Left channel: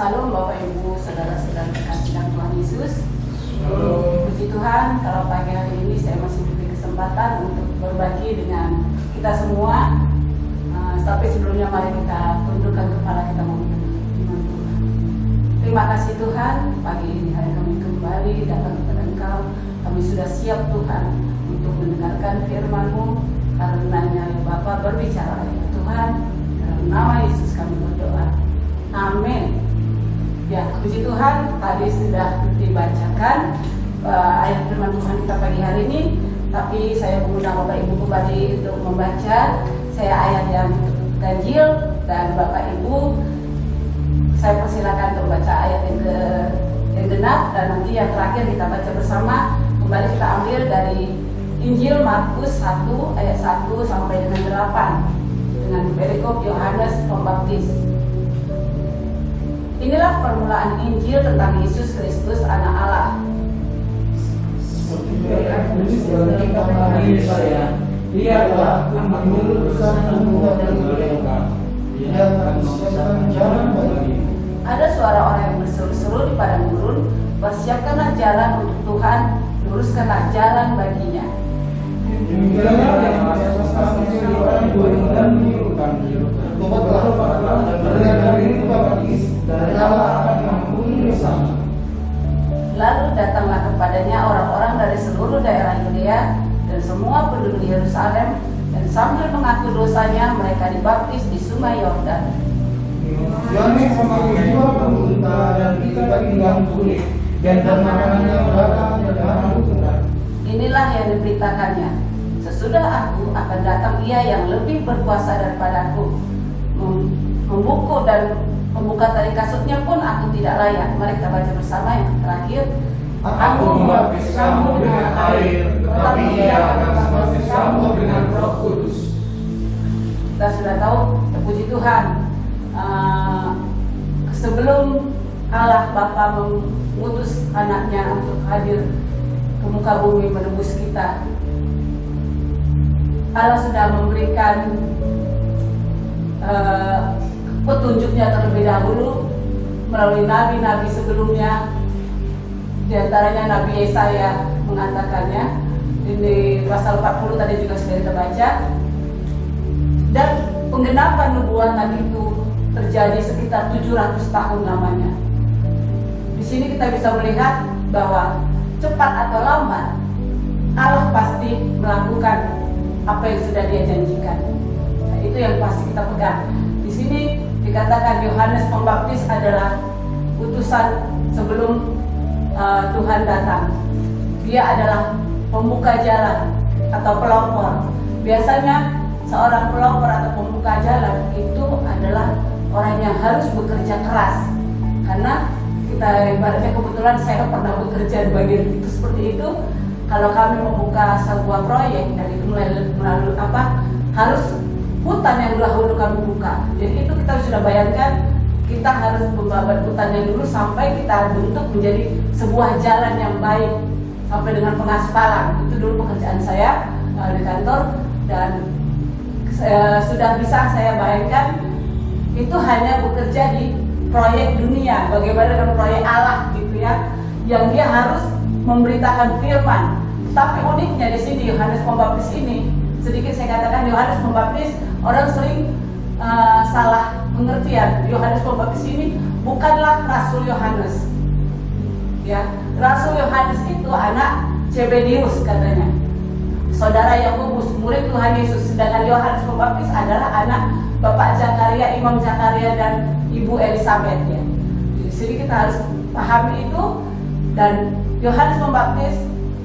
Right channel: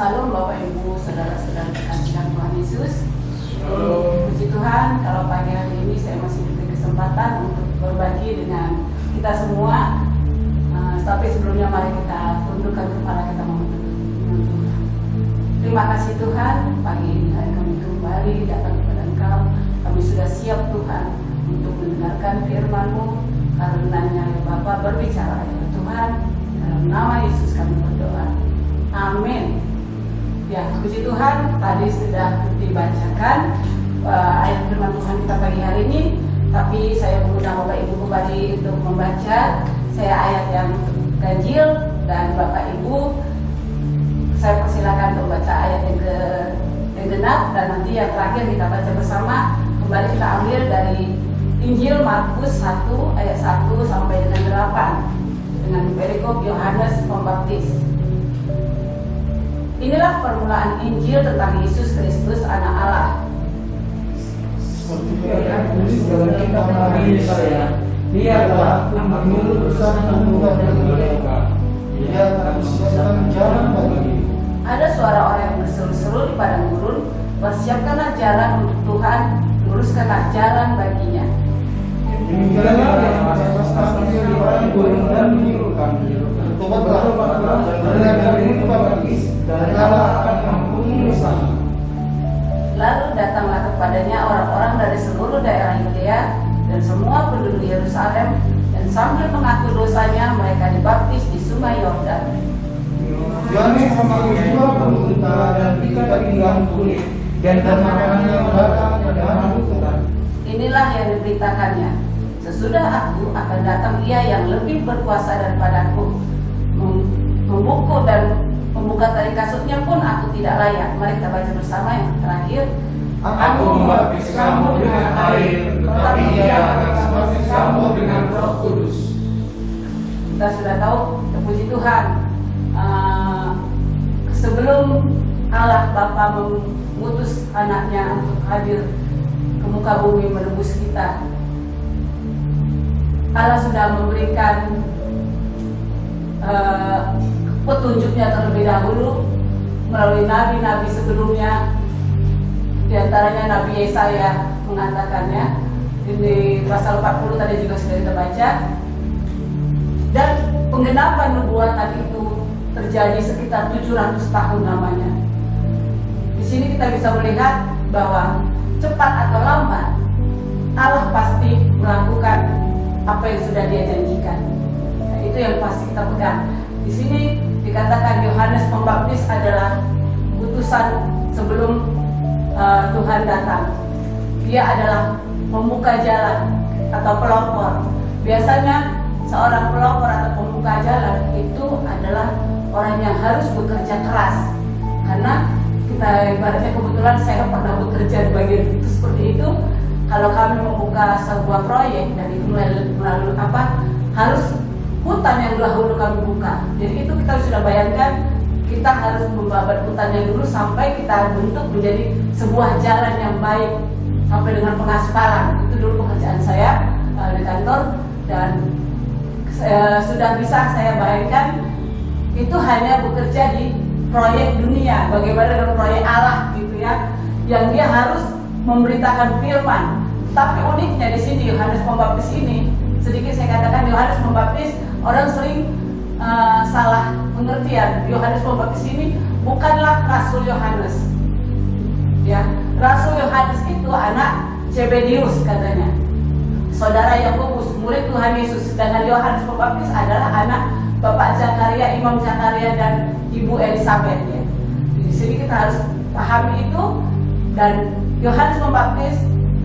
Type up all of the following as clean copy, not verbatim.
Salam Bapak Ibu, saudara-saudara terkasih dalam Tuhan Yesus. Puji Tuhan, kalau pagi hari ini saya masih diberi kesempatan untuk berbagi dengan kita semua. Tapi sebelumnya mari kita tundukkan kepala kita memohon Tuhan. Terima kasih Tuhan, pagi ini hari kami kembali datang kepada Engkau. Kami sudah siap Tuhan untuk mendengarkan firman-Mu. Karenanya ya Bapa berbicara ya Tuhan. Dalam nama Yesus kami berdoa. Amin. Ya, puji Tuhan, tadi sudah dibacakan ayat firman Tuhan kita pagi hari ini. Tapi saya mengundang Bapak Ibu kembali untuk membaca. Saya ayat yang ganjil dan Bapak Ibu saya persilakan untuk baca ayat yang genap, dan nanti yang terakhir kita baca bersama. Kembali kita ambil dari Injil Markus 1 ayat 1 sampai dengan 8 dengan perikop Yohanes Pembaptis. Inilah permulaan Injil tentang Yesus Kristus Anak Allah. Seperti yang tulis dalam kitab Nabi Yesaya, Dia telah menurut urusan dan mereka. Dia akan mempersiapkan jalan bagimu. Ada suara orang yang berseru-seru di padang gurun, persiapkanlah jalan untuk Tuhan, luruskanlah jalan baginya. Demikianlah yang pasti di padang gurun dan menyerukan, bertobatlah dan berikan diri kepada Kristus, dan Allah akan mengampuni dosa. Lalu datanglah kepadanya orang-orang dari seluruh daerah Yudea dan semua penduduk Yerusalem, dan sambil mengaku dosanya mereka dibaptis di Sungai Yordan. Yohanes memakai dua pemerintah dan tiga pinggang kulit, dan makanannya datang dari arah utara. Inilah yang diberitakannya, sesudah aku akan datang Ia yang lebih berkuasa daripadaku, membuka dan membuka tali kasutnya pun aku tidak layak. Mari kita baca bersama yang terakhir. Aku membaptis kamu dengan air, tetapi Ia akan membaptis kamu dengan Roh Kudus. Kita sudah tahu, puji Tuhan, sebelum Allah Bapa mengutus anaknya untuk hadir ke muka bumi menebus kita, Allah sudah memberikan petunjuknya terlebih dahulu melalui nabi-nabi sebelumnya. Di antaranya Nabi Yesaya mengatakannya di pasal 40 tadi juga sudah kita baca. Dan penggenapan nubuatan tadi itu terjadi sekitar 700 tahun lamanya. Di sini kita bisa melihat bahwa cepat atau lambat Allah pasti melakukan apa yang sudah Dia janjikan. Nah, itu yang pasti kita pegang. Di sini dikatakan Yohanes Pembaptis adalah utusan sebelum Tuhan datang. Dia adalah pembuka jalan atau pelopor. Biasanya seorang pelopor atau pembuka jalan itu adalah orang yang harus bekerja keras. Karena kita ibaratnya kebetulan saya pernah bekerja di bagian itu seperti itu. Kalau kami membuka sebuah proyek dan itu melalui harus hutan yang dahulu kami buka. Jadi itu kita sudah bayangkan, kita harus membabat hutannya dulu sampai kita bentuk menjadi sebuah jalan yang baik sampai dengan pengaspalan. Itu dulu pekerjaan saya di kantor, dan sudah bisa saya bayangkan itu hanya bekerja di proyek dunia. Bagaimana dengan proyek Allah gitu ya, yang Dia harus memberitakan firman. Tapi uniknya di sini Yohanes Pembaptis ini, sedikit saya katakan Yohanes Pembaptis, orang sering salah pengertian. Yohanes Pembaptis ini bukanlah Rasul Yohanes. Ya, Rasul Yohanes itu anak Zebedius katanya, saudara Yakobus, murid Tuhan Yesus. Sedangkan Yohanes Pembaptis adalah anak Bapak Zakaria, Imam Zakaria, dan Ibu Elisabeth. Ya. Di sini kita harus pahami itu. Dan Yohanes Pembaptis,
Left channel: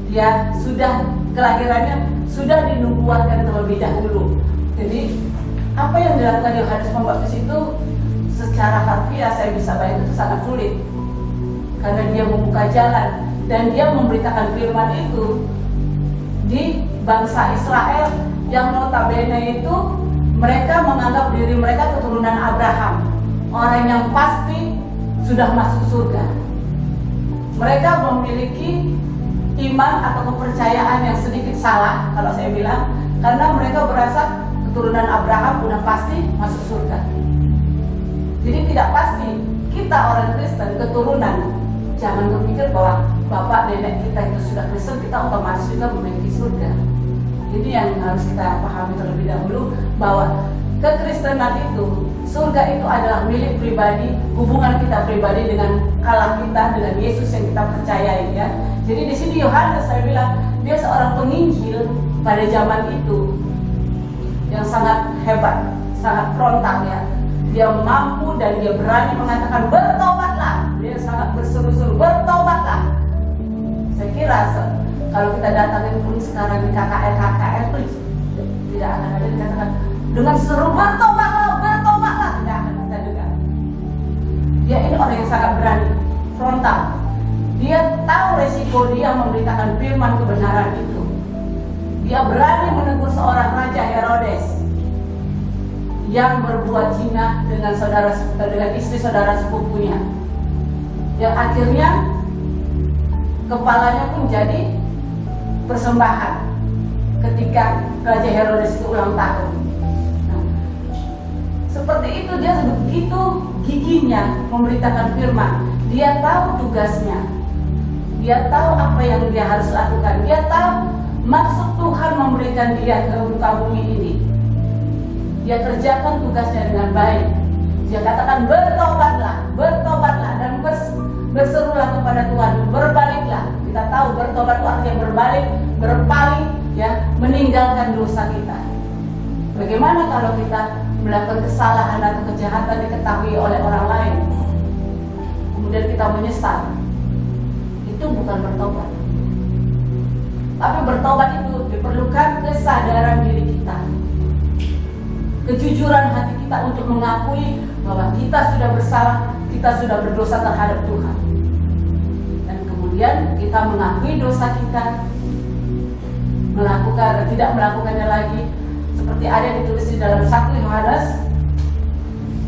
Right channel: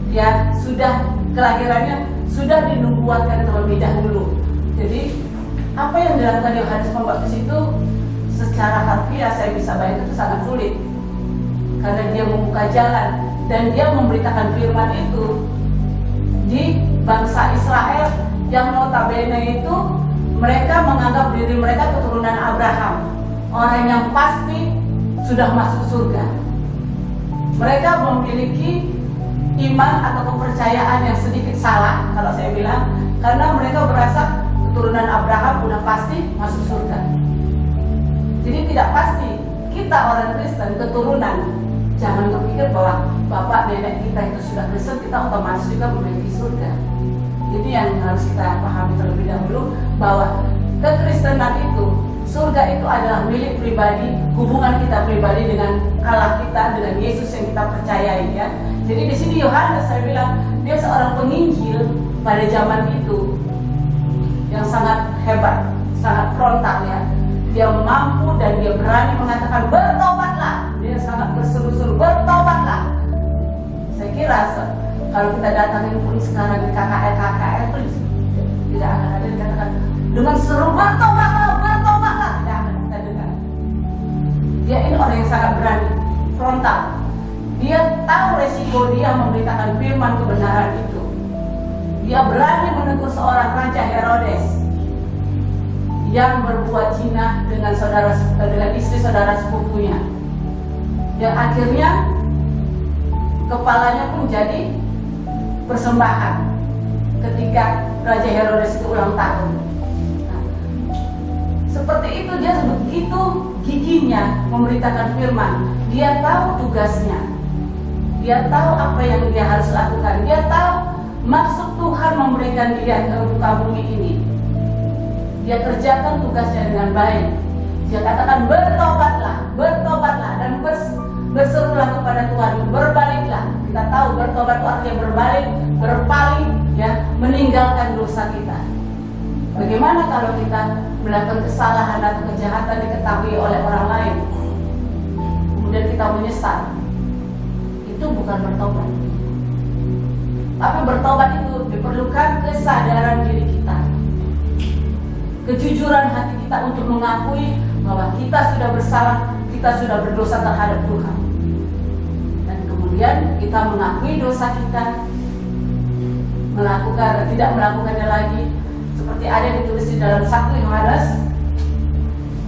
dia sudah kelahirannya sudah dinubuatkan terlebih dahulu. Jadi apa yang dilakukan Yohanes Pembaptis itu secara harfiah saya bisa bayangkan itu sangat sulit, karena dia membuka jalan dan dia memberitakan firman itu di bangsa Israel yang notabene itu mereka menganggap diri mereka keturunan Abraham, orang yang pasti sudah masuk surga. Mereka memiliki iman atau kepercayaan yang sedikit salah kalau saya bilang, karena mereka berasa keturunan Abraham udah pasti masuk surga. Jadi tidak pasti kita orang Kristen, keturunan, jangan berpikir bahwa bapak nenek kita itu sudah Kristen, kita otomatis juga memiliki surga. Ini yang harus kita pahami terlebih dahulu, bahwa kekristenan itu, surga itu adalah milik pribadi, hubungan kita pribadi dengan Allah kita, dengan Yesus yang kita percayai ya. Jadi di sini Yohanes, saya bilang dia seorang penginjil pada zaman itu yang sangat hebat, sangat frontal ya. Dia mampu dan dia berani mengatakan bertobatlah. Dia sangat berseru-seru bertobatlah. Saya kira kalau kita datangin pun sekarang di KKR itu tidak akan ada dikatakan dengan seru bertobatlah, bertobatlah, tidak akan kita dengar. Dia ini orang yang sangat berani, frontal. Dia tahu resiko dia memberitakan firman kebenaran itu. Dia berani menegur seorang Raja Herodes yang berbuat zina dengan istri saudara sepupunya, yang akhirnya kepalanya pun jadi persembahan ketika Raja Herodes itu ulang tahun. Nah, seperti itu dia begitu giginya memberitakan firman. Dia tahu tugasnya, dia tahu apa yang dia harus lakukan, dia tahu maksud Tuhan memberikan dia ke muka bumi ini. Dia kerjakan tugasnya dengan baik. Dia katakan bertobatlah, bertobatlah, dan berserulah kepada Tuhan, berbaliklah. Kita tahu bertobat itu artinya berbalik, berpaling, ya, meninggalkan dosa kita. Bagaimana kalau kita melakukan kesalahan atau kejahatan diketahui oleh orang lain, kemudian kita menyesal? Itu bukan bertobat. Tapi bertobat itu diperlukan kesadaran diri kita, kejujuran hati kita untuk mengakui bahwa kita sudah bersalah, kita sudah berdosa terhadap Tuhan. Dan kemudian kita mengakui dosa kita, tidak melakukannya lagi, seperti ada ditulis di dalam 1 Yohanes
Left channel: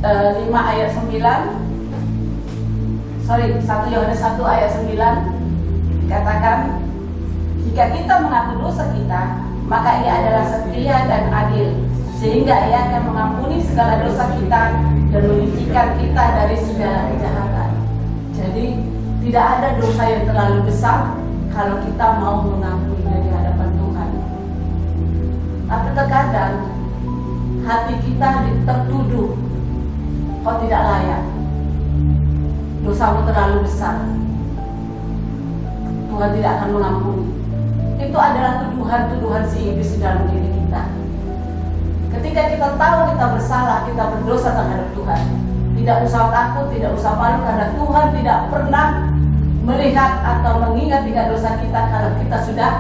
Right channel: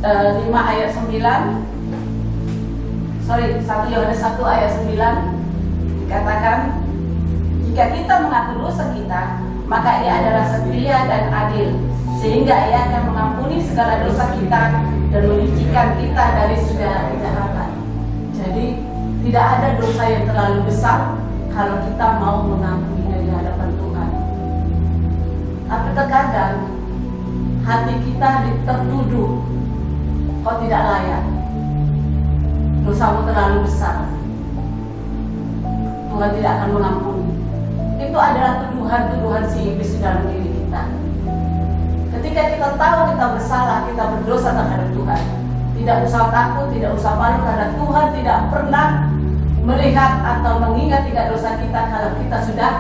1 Yohanes 1 ayat 9 dikatakan, jika kita mengaku dosa kita, maka Ia adalah setia dan adil, sehingga Ia akan mengampuni segala dosa kita dan menyucikan kita dari segala kejahatan. Jadi tidak ada dosa yang terlalu besar kalau kita mau mengampuninya di hadapan Tuhan. Tapi terkadang hati kita tertuduh, kau tidak layak, dosamu terlalu besar, Tuhan tidak akan mengampuni. Itu adalah tuduhan-tuduhan si iblis di dalam diri kita. Ketika kita tahu kita bersalah, kita berdosa terhadap Tuhan, tidak usah takut, tidak usah malu, karena Tuhan tidak pernah melihat atau mengingat tiga dosa kita kalau kita sudah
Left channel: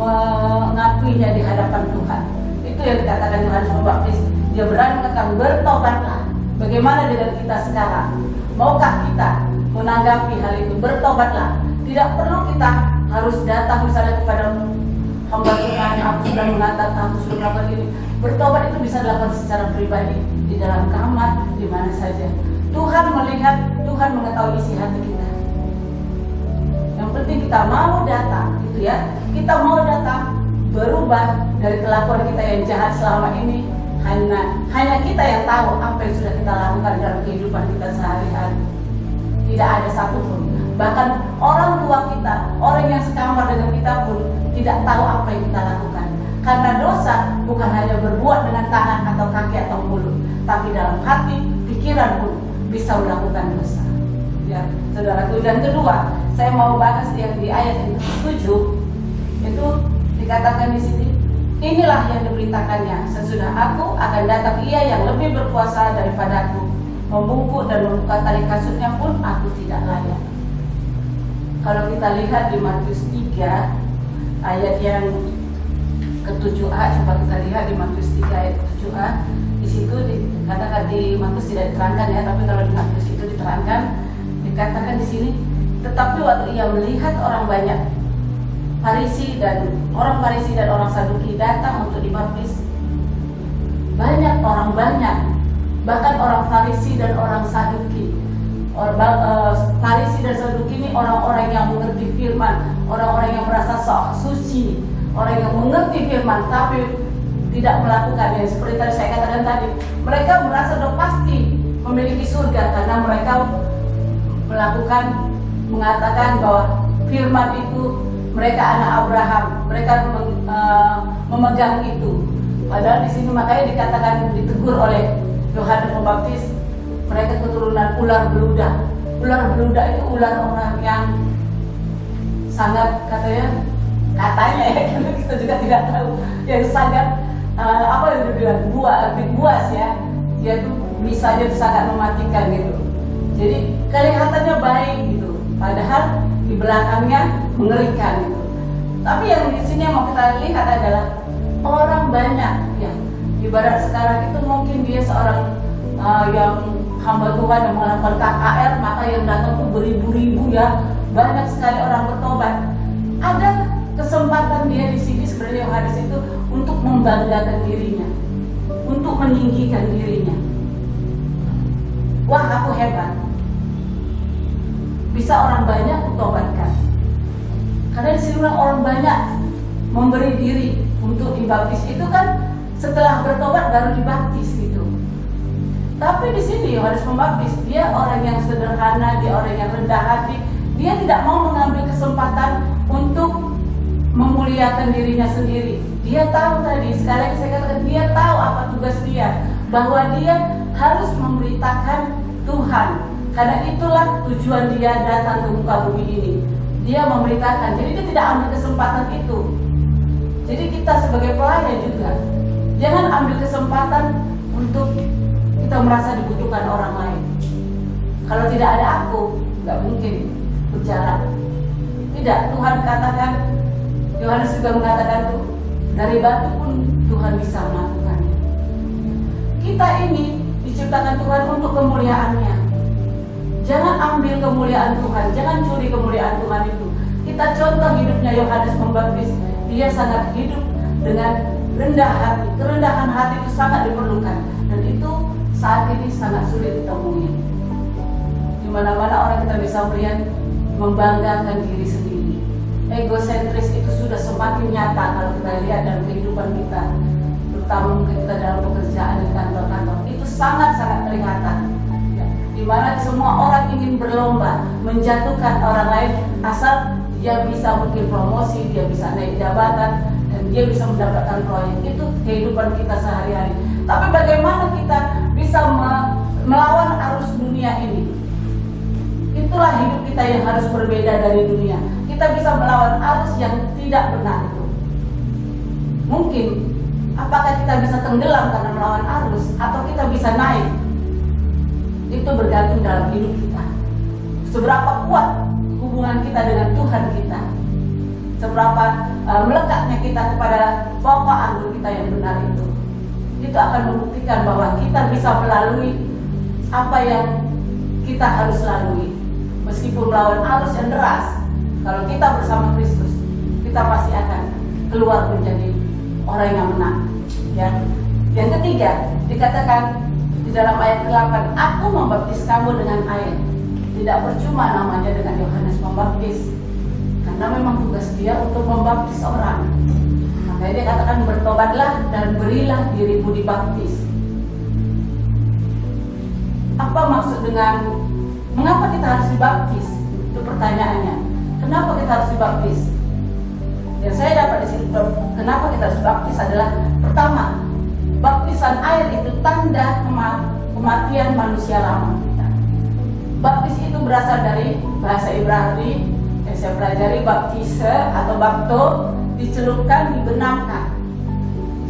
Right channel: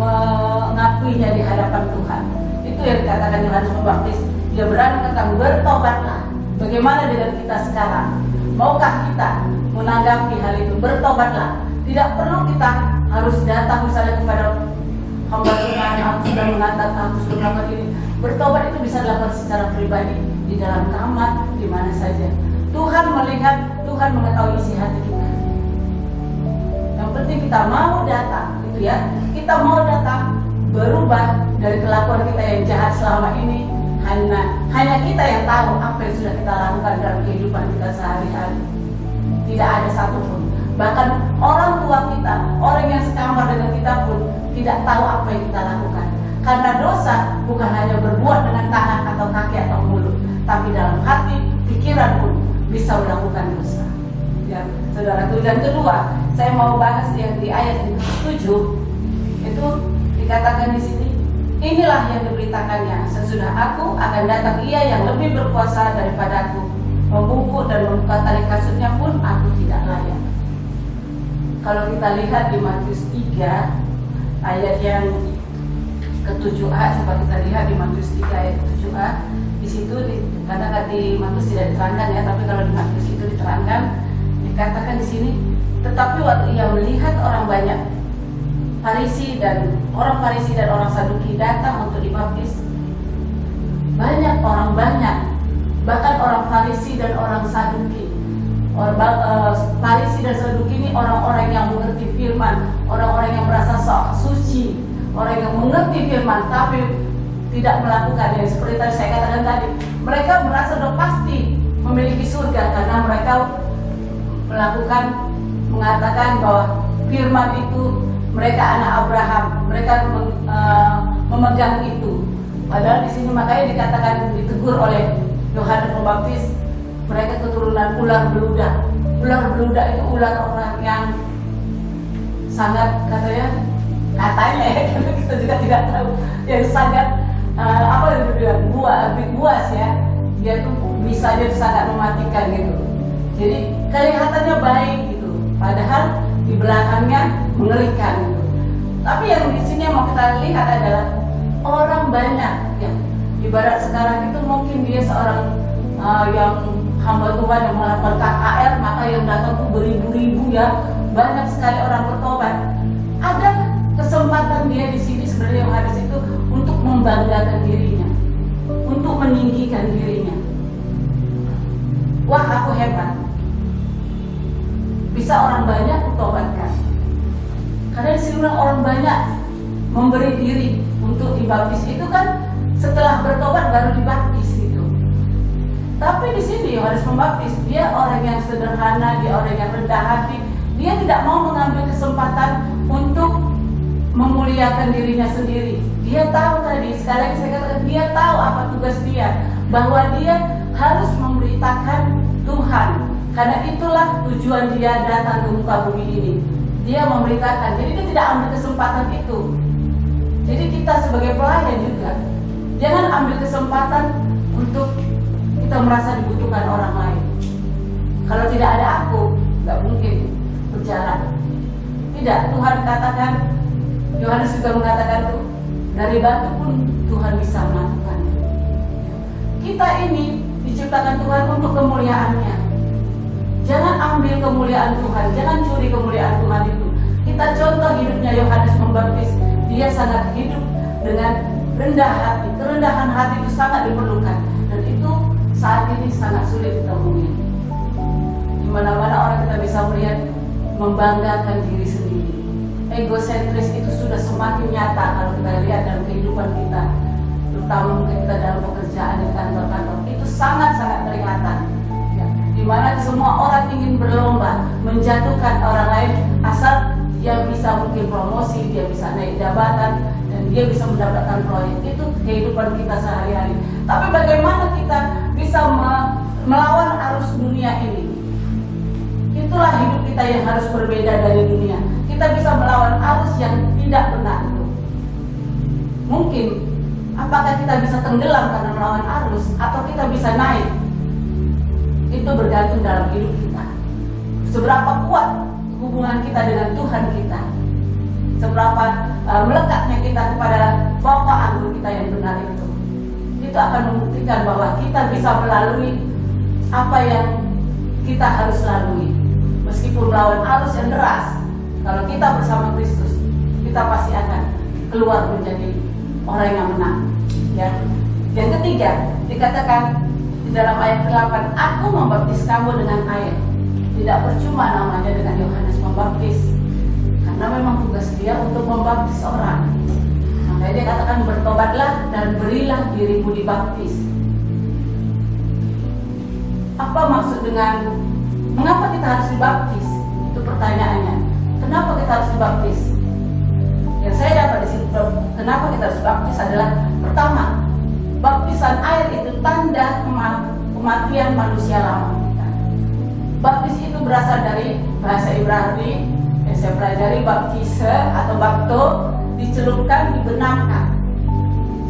mengakuinya di hadapan Tuhan. Itu yang dikatakan Yohanes Pembaptis. Dia berani mengatakan bertobatlah. Bagaimana dengan kita sekarang? Maukah kita menanggapi hal itu? Bertobatlah. Tidak perlu kita harus datang misalnya kepada hamba Tuhan, aku sudah mengatakan, aku sudah melakukan ini. Bertobat itu bisa dilakukan secara pribadi, di dalam kamar, di mana saja. Tuhan melihat, Tuhan mengetahui isi hati kita. Yang penting kita mau datang, gitu ya. Kita mau datang berubah dari kelakuan kita yang jahat selama ini. Hanya kita yang tahu apa yang sudah kita lakukan dalam kehidupan kita sehari-hari. Tidak ada satupun. Bahkan orang tua kita, orang yang sekamar dengan kita pun tidak tahu apa yang kita lakukan. Karena dosa bukan hanya berbuat dengan tangan atau kaki atau mulut, tapi dalam hati, pikiran pun bisa melakukan dosa. Ya, saudaraku. Dan kedua, saya mau bahas yang di ayat yang ke-7. Itu dikatakan di sini, inilah yang diberitakannya, sesudah aku akan datang Ia yang lebih berkuasa daripadaku, membungkuk dan membuka tali kasutnya pun aku tidak layak. Kalau kita lihat di Matius 3 ayat yang ke-7a, coba kita lihat di Matius 3 ayat ke-7a. Di situ dikatakan, di Matius tidak diterangkan ya, tapi kalau di Matius itu diterangkan, dikatakan di sini, tetapi waktu Ia melihat orang banyak, orang Farisi dan orang Saduki datang untuk dibaptis. Bahkan orang Farisi dan orang Saduki. Farisi dan Saduki ini orang-orang yang mengerti firman, orang-orang yang merasa sok suci, orang yang mengerti firman tapi tidak melakukannya. Seperti tadi saya katakan tadi, mereka merasa sudah pasti memiliki surga karena mereka mengatakan bahwa firman itu mereka anak Abraham, mereka memegang itu. Padahal di sini makanya dikatakan, ditegur oleh Yohanes Pembaptis, mereka keturunan ular beludak. Ular beludak itu ular orang yang sangat katanya ya, kita juga tidak tahu, yang sangat apa yang dibilang buas ya. Dia tuh bisa aja sangat mematikan gitu. Jadi kelihatannya baik gitu, padahal di belakangnya mengerikan gitu. Tapi yang di sini yang mau kita lihat adalah orang banyak ya. Ibarat sekarang itu mungkin dia seorang yang hamba Tuhan yang melakukan KKR, maka yang datang tuh beribu-ribu ya, banyak sekali orang bertobat. Ada kesempatan dia di sini sebenarnya Yohanes itu untuk membanggakan dirinya, untuk meninggikan dirinya. Wah, aku hebat, bisa orang banyak kutobatkan. Karena di sini orang banyak memberi diri untuk dibaptis. Itu kan setelah bertobat baru dibaptis gitu. Tapi di sini Yohanes Pembaptis, dia orang yang sederhana, dia orang yang rendah hati. Dia tidak mau mengambil kesempatan untuk memuliakan dirinya sendiri. Dia tahu tadi, sekali lagi saya katakan, dia tahu apa tugas dia, bahwa dia harus memberitakan Tuhan. Karena itulah tujuan dia datang ke muka bumi ini. Dia memberitakan, jadi dia tidak ambil kesempatan itu. Jadi kita sebagai pelayan juga, jangan ambil kesempatan untuk kita merasa dibutuhkan orang lain. Kalau tidak ada aku, nggak mungkin berjalan. Tidak, Tuhan katakan, Yohanes juga mengatakan tuh, dari batu pun Tuhan bisa melakukannya. Kita ini diciptakan Tuhan untuk kemuliaannya. Jangan ambil kemuliaan Tuhan, jangan curi kemuliaan Tuhan itu. Kita contoh hidupnya Yohanes Pembaptis, dia sangat hidup dengan rendah hati. Kerendahan hati itu sangat diperlukan, dan itu saat ini sangat sulit ditemui. Di mana-mana orang kita bisa melihat membanggakan diri sendiri. Egosentris itu sudah semakin nyata kalau kita lihat dalam kehidupan kita, terutama mungkin kita dalam pekerjaan di kantor-kantor. Itu sangat-sangat kelihatan. Ya, di mana semua orang ingin berlomba menjatuhkan orang lain asal dia bisa mungkin promosi, dia bisa naik jabatan, dan dia bisa mendapatkan proyek. Itu kehidupan kita sehari-hari. Tapi bagaimana kita bisa melawan arus dunia ini? Itulah hidup kita yang harus berbeda dari dunia. Kita bisa melawan arus yang tidak benar itu. Mungkin, apakah kita bisa tenggelam karena melawan arus, atau kita bisa naik? Itu bergantung dalam hidup kita. Seberapa kuat hubungan kita dengan Tuhan kita, seberapa melekatnya kita kepada pokok anggur kita yang benar itu akan membuktikan bahwa kita bisa melalui apa yang kita harus lalui. Meskipun melawan arus yang deras, kalau kita bersama Kristus, kita pasti akan keluar menjadi orang yang menang. Ya. Yang ketiga, dikatakan di dalam ayat 8, aku membaptis kamu dengan air. Tidak percuma namanya dengan Yohanes Pembaptis, karena memang tugas dia untuk membaptis orang. Makanya dia katakan, bertobatlah dan berilah dirimu dibaptis. Apa maksud dengan mengapa kita harus dibaptis? Itu pertanyaannya. Kenapa kita harus dibaptis? Yang saya dapat di sini, kenapa kita harus dibaptis adalah, pertama, baptisan air itu tanda kematian manusia lama. Baptis itu berasal dari bahasa Ibrani yang saya pelajari, baptise atau bapto, dicelupkan, dibenamkan.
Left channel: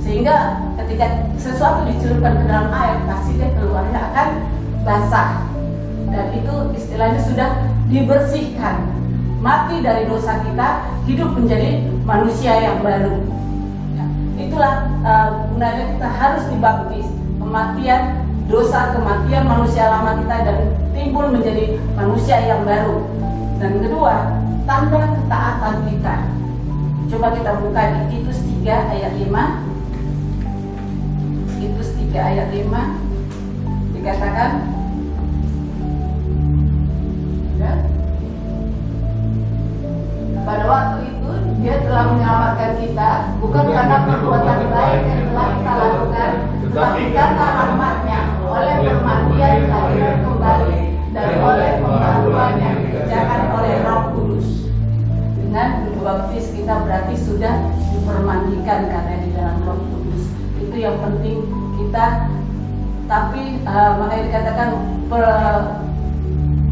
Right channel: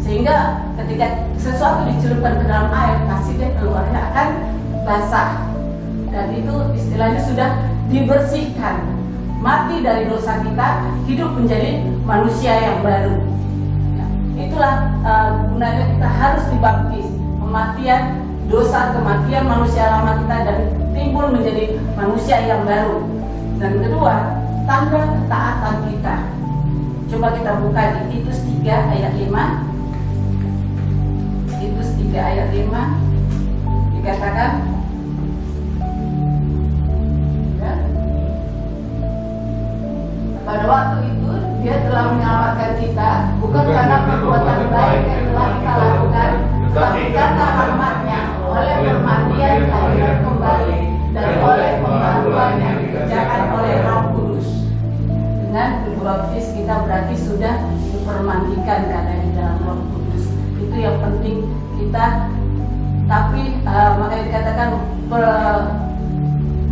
Sehingga ketika sesuatu dicelupkan ke dalam air, pasti dia keluarnya akan basah. Dan itu istilahnya sudah dibersihkan. Mati dari dosa kita, hidup menjadi manusia yang baru. Ya, itulah gunanya kita harus dibaptis. Kematian dosa, kematian manusia lama kita, dan timbul menjadi manusia yang baru. Dan kedua, tanda ketaatan kita. Coba kita buka di Titus 3 ayat 5. Titus 3 ayat 5 dikatakan, ya, pada waktu itu dia telah menyelamatkan kita bukan karena perbuatan baik yang telah kita lakukan, tetapi karena rahmat-Nya oleh permandian air kita berarti sudah dipermandikan katanya di dalam Roh Kudus. Itu yang penting kita. Tapi makanya dikatakan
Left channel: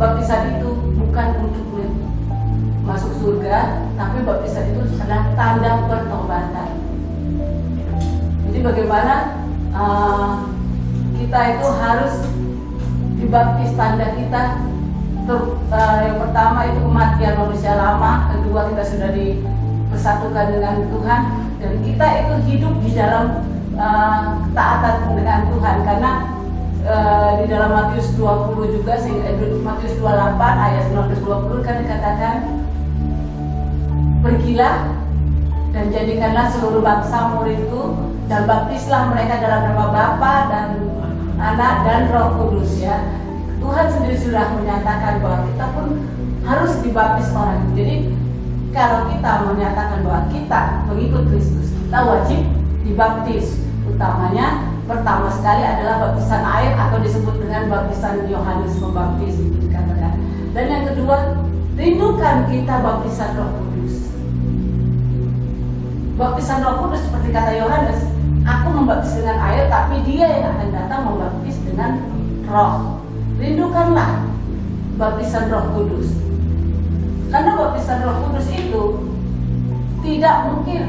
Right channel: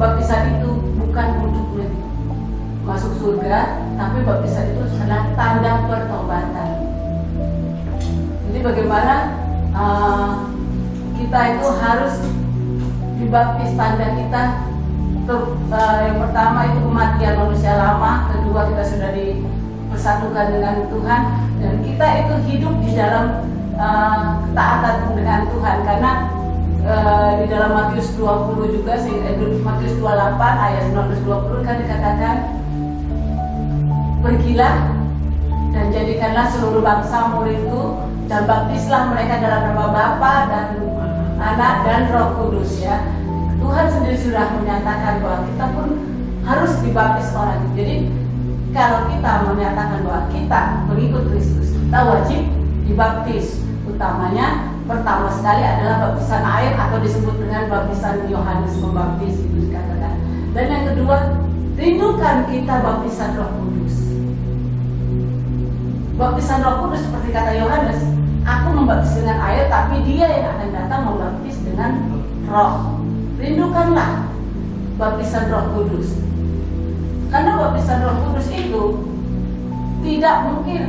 baptisan itu bukan untuk masuk surga, tapi baptisan itu adalah tanda pertobatan. Jadi bagaimana kita itu harus dibaptis, tanda kita yang pertama itu kematian manusia lama, kedua kita sudah dipersatukan dengan Tuhan, dan kita itu hidup di dalam ketaatan dengan Tuhan. Karena di dalam Matius 20 juga, Matius 28 ayat 19-20 kan dikatakan, pergilah dan jadikanlah seluruh bangsa muridku dan baptislah mereka dalam nama Bapa dan Anak dan Roh Kudus. Ya, Tuhan sendiri sudah menyatakan bahwa kita pun harus dibaptis orang. Jadi kalau kita menyatakan bahwa kita pengikut Kristus, kita wajib dibaptis. Utamanya pertama sekali adalah baptisan air atau disebut dengan baptisan Yohanes Pembaptis, itu dikatakan. Dan yang kedua, rindukan kita baptisan Roh Kudus. Baptisan Roh Kudus seperti kata Yohanes, aku membaptis dengan air, tapi Dia yang akan datang membaptis dengan Roh. Rindukanlah baptisan Roh Kudus. Karena baptisan Roh Kudus itu tidak mungkin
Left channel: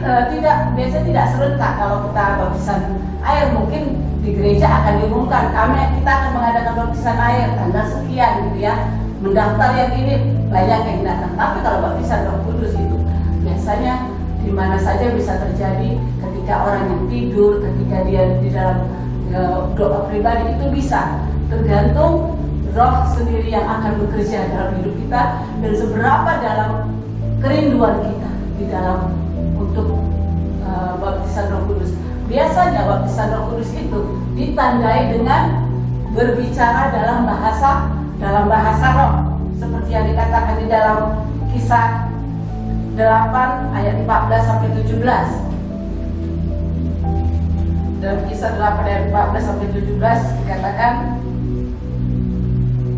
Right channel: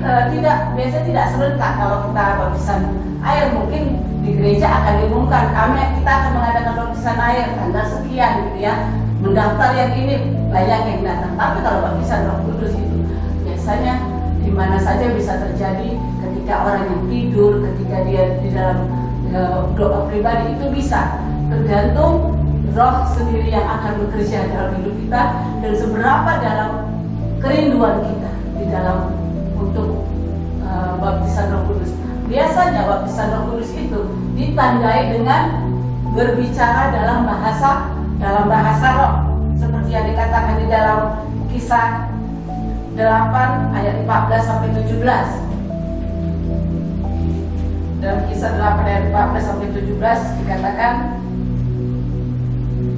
biasanya tidak serentak. Kalau kita baptisan air, mungkin di gereja akan diumumkan kita akan mengadakan baptisan air tanggal sekian gitu ya, mendaftar yang ini banyak yang datang. Tapi kalau baptisan Roh Kudus itu biasanya di mana saja bisa terjadi, ketika orang yang tidur, ketika dia di dalam doa pribadi, itu bisa, tergantung Roh sendiri yang akan bekerja dalam hidup kita dan seberapa dalam kerinduan kita di dalam untuk baptisan Roh Kudus. Biasanya baptisan Roh Kudus itu ditandai dengan berbicara dalam bahasa roh, seperti yang dikatakan di dalam Kisah 8 ayat 14 sampai 17. Dalam Kisah 8 ayat 14 sampai 17 dikatakan,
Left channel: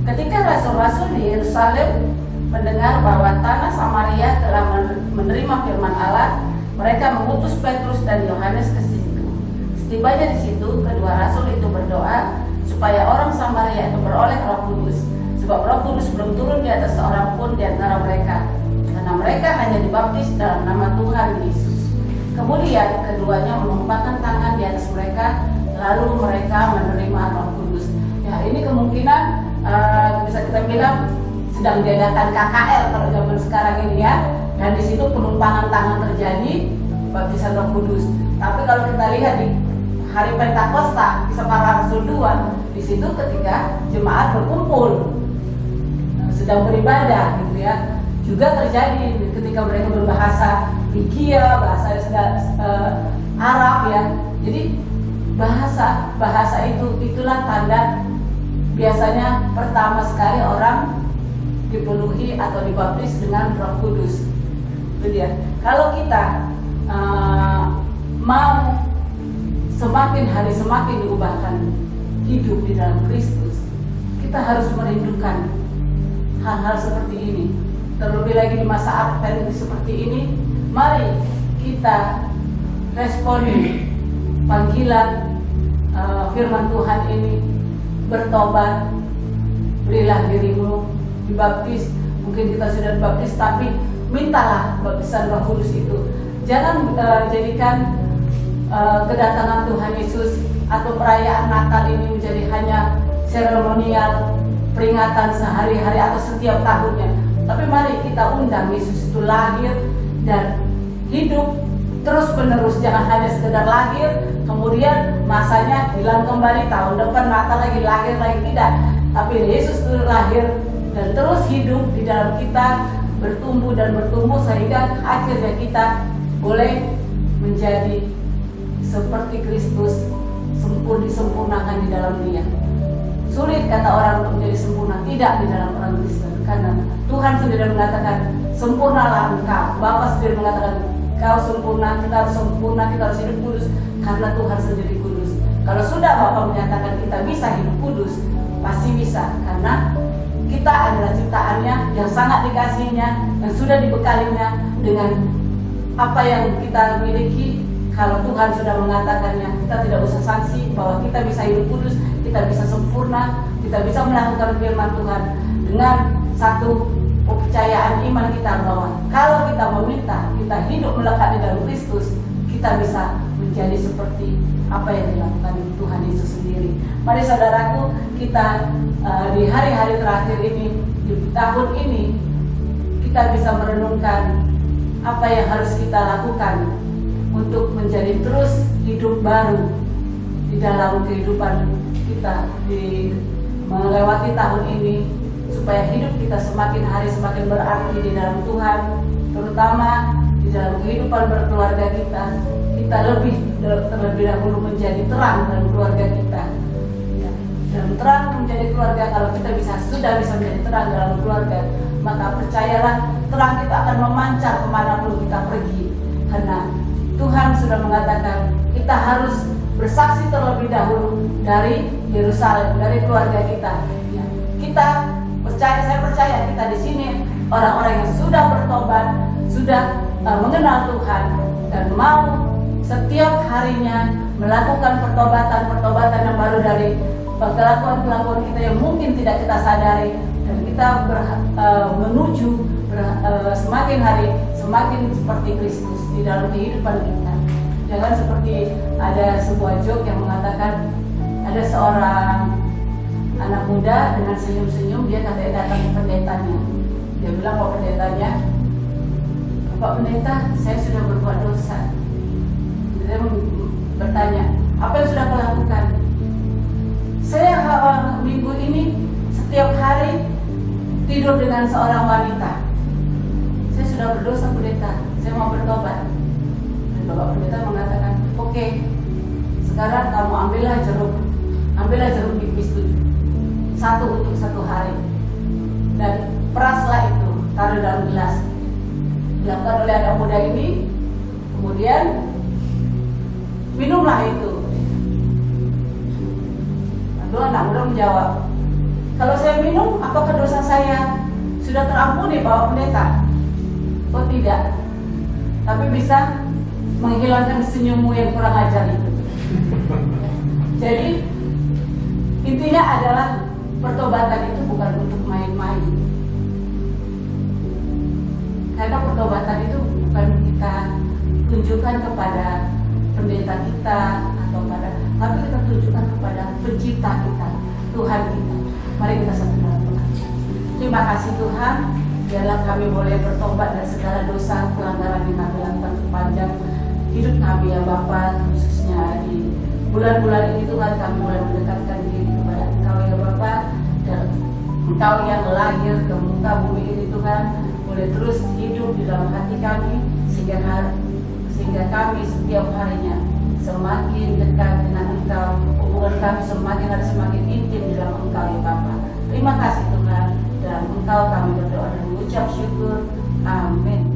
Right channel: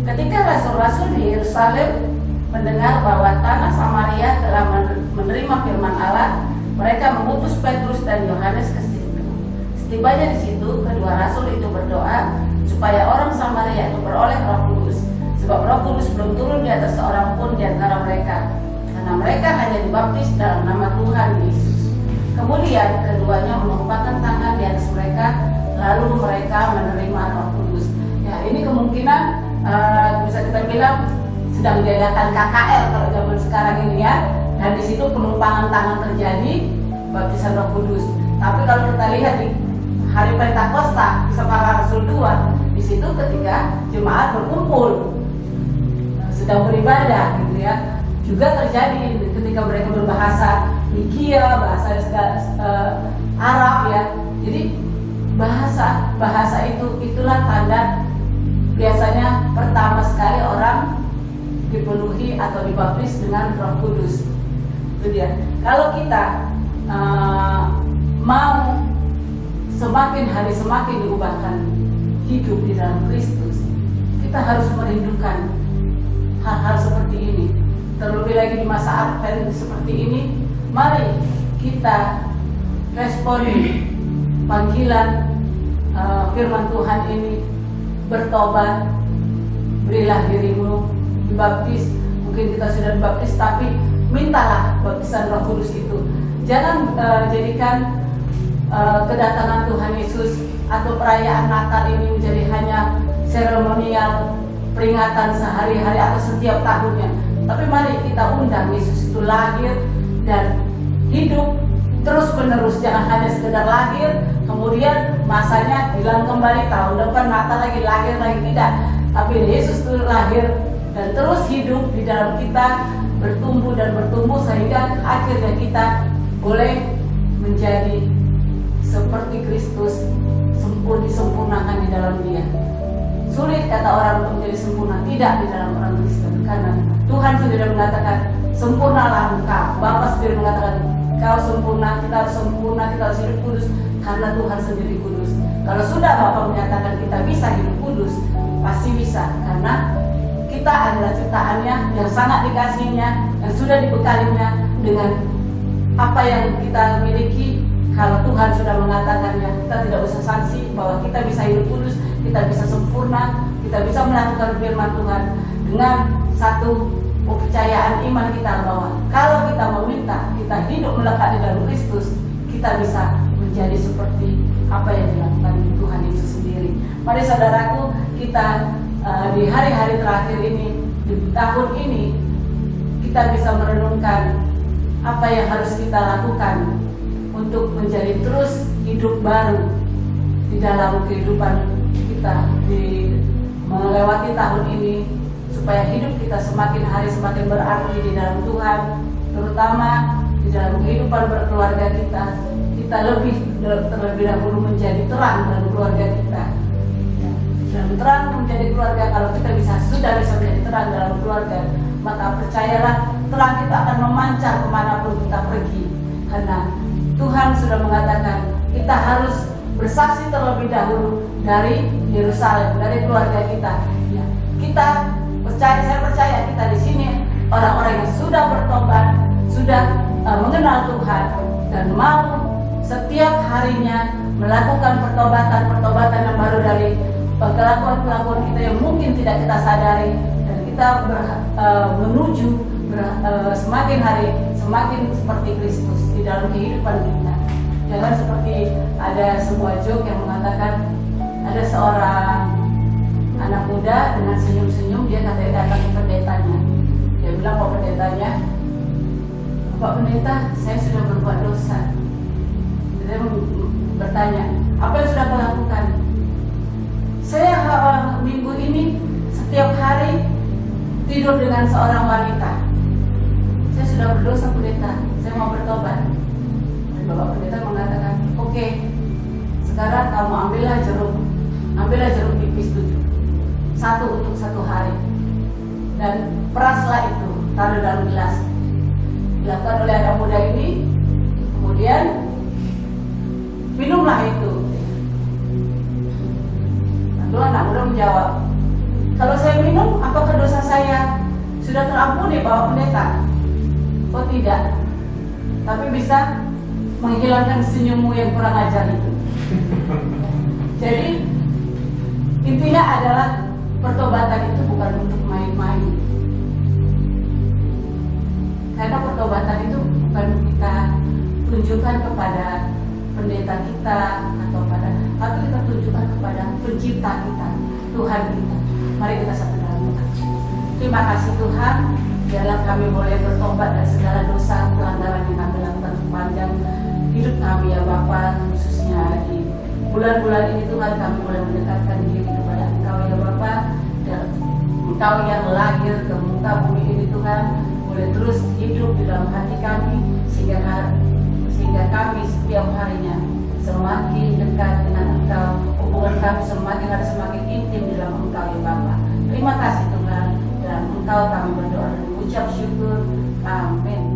ketika rasul-rasul di Yerusalem mendengar bahwa tanah Samaria telah menerima firman Allah, mereka mengutus Petrus dan Yohanes ke situ. Setibanya di situ, kedua rasul itu berdoa supaya orang Samaria itu beroleh Roh Kudus, sebab Roh Kudus belum turun di atas seorang pun di antara mereka, karena mereka hanya dibaptis dalam nama Tuhan Yesus. Kemudian keduanya menumpahkan tangan di atas mereka, lalu mereka menerima Roh Kudus. Ya, ini kemungkinan bisa kita bilang sedang diadakan KKR kalau zaman sekarang ini ya, dan di situ penumpangan tangan terjadi, baptisan Roh Kudus. Tapi kalau kita lihat di hari Pentakosta, Kisah Para Rasul 2, di situ ketika jemaat berkumpul sedang beribadah gitu ya, juga terjadi ketika mereka berbahasa Higia, bahasa Arab ya. Jadi bahasa itulah tanda biasanya pertama sekali orang dipenuhi atau dibaptis dengan Roh Kudus. Itu dia. Kalau kita mau semakin hari semakin diubahkan hidup di dalam Kristus, kita harus merindukan hal-hal seperti ini. Terlebih lagi di masa Advent seperti ini, mari kita responi panggilan firman Tuhan ini, bertobat, berilah dirimu dibaptis. Mungkin kita sudah dibaptis, tapi mintalah baptisan Roh Kudus itu. Jangan jadikan kedatangan Tuhan Yesus atau perayaan Natal ini menjadi hanya seremonial, peringatan sehari-hari atau setiap tahunnya. Tapi mari kita undang Yesus itu lahir dan hidup terus menerus. Jangan hanya sekedar lahir, kemudian masanya hilang kembali, tahun depan Natal lagi lahir lagi, tidak. Tapi Yesus itu lahir dan terus hidup di dalam kita, bertumbuh dan bertumbuh sehingga akhirnya kita boleh menjadi seperti Kristus, disempurnakan di dalam Dia. Sulit kata orang untuk menjadi sempurna, tidak di dalam orang Kristen, karena Tuhan sendiri mengatakan sempurnalah engkau. Bapa sendiri mengatakan kau sempurna, kita harus sempurna, kita harus hidup kudus karena Tuhan sendiri kudus. Kalau sudah Bapa menyatakan kita bisa hidup kudus, pasti bisa, karena kita adalah ciptaannya yang sangat dikasihinya, yang sudah dibekalinya dengan apa yang kita miliki. Kalau Tuhan sudah mengatakannya, kita tidak usah sanksi bahwa kita bisa hidup kudus, kita bisa sempurna, kita bisa melakukan firman Tuhan dengan satu kepercayaan iman kita bahwa kalau kita meminta, kita hidup melekat di dalam Kristus, kita bisa menjadi seperti apa yang dilakukan Tuhan Yesus sendiri. Mari saudaraku, kita di hari-hari terakhir ini, di tahun ini, kita bisa merenungkan apa yang harus kita lakukan untuk menjadi terus hidup baru di dalam kehidupan kita di melewati tahun ini, supaya hidup kita semakin hari semakin berarti di dalam Tuhan, terutama di dalam kehidupan berkeluarga kita. Kita terlebih dahulu menjadi terang dalam keluarga kita. Ya, dalam terang menjadi keluarga, kalau kita sudah bisa menjadi terang dalam keluarga, maka percayalah terang kita akan memancar kemanapun kita pergi. Karena Tuhan sudah mengatakan kita harus bersaksi terlebih dahulu dari Yerusalem, dari keluarga kita. Ya, saya percaya kita di sini orang-orang yang sudah bertobat, sudah mengenal Tuhan dan mau setiap harinya melakukan pertobatan yang baru dari kelakuan-kelakuan kita yang mungkin tidak kita sadari, dan kita menuju semakin hari semakin seperti Kristus di dalam kehidupan kita. Jangan seperti ada sebuah joke yang mengatakan ada seorang anak muda dengan senyum-senyum, dia katanya datang ke pendetanya. Dia bilang ke pendetanya, "Bapak pendeta, saya sudah berbuat dosa." Dia bertanya, "Apa yang sudah kau lakukan?" "Saya minggu ini setiap hari tidur dengan seorang wanita. Saya sudah berdosa pendeta, saya mau bertobat." Dan Bapak pendeta mengatakan, "Oke, sekarang kamu ambillah jeruk nipis 7, satu untuk satu hari, dan peraslah itu, taruh dalam gelas." Dilakukan oleh anak muda ini, kemudian minumlah itu. Lalu anak muda menjawab, "Kalau saya minum, apakah dosa saya sudah terampuni Bapak pendeta?" "Oh tidak, tapi bisa menghilangkan senyummu yang kurang ajar itu." Jadi intinya adalah pertobatan itu bukan untuk main-main. Karena pertobatan itu bukan kita tunjukkan kepada pendeta kita tapi kita tunjukkan kepada pencipta kita, Tuhan kita. Mari kita satu dalam doa. Terima kasih Tuhan, biarlah kami boleh bertobat dari segala dosa pelanggaran yang kami lakukan sepanjang hidup kami ya Bapa, khususnya di bulan-bulan ini Tuhan, kami boleh mendekatkan diri kepada Engkau ya Bapa, dan Engkau yang lahir ke muka bumi ini Tuhan boleh terus hidup di dalam hati kami, sehingga kami setiap harinya semakin dekat dengan Engkau, hubungan kami semakin intim di dalam Engkau ya Bapa. Terima kasih Tuhan, dan Engkau kami berdoa dan mengucap syukur. Amin.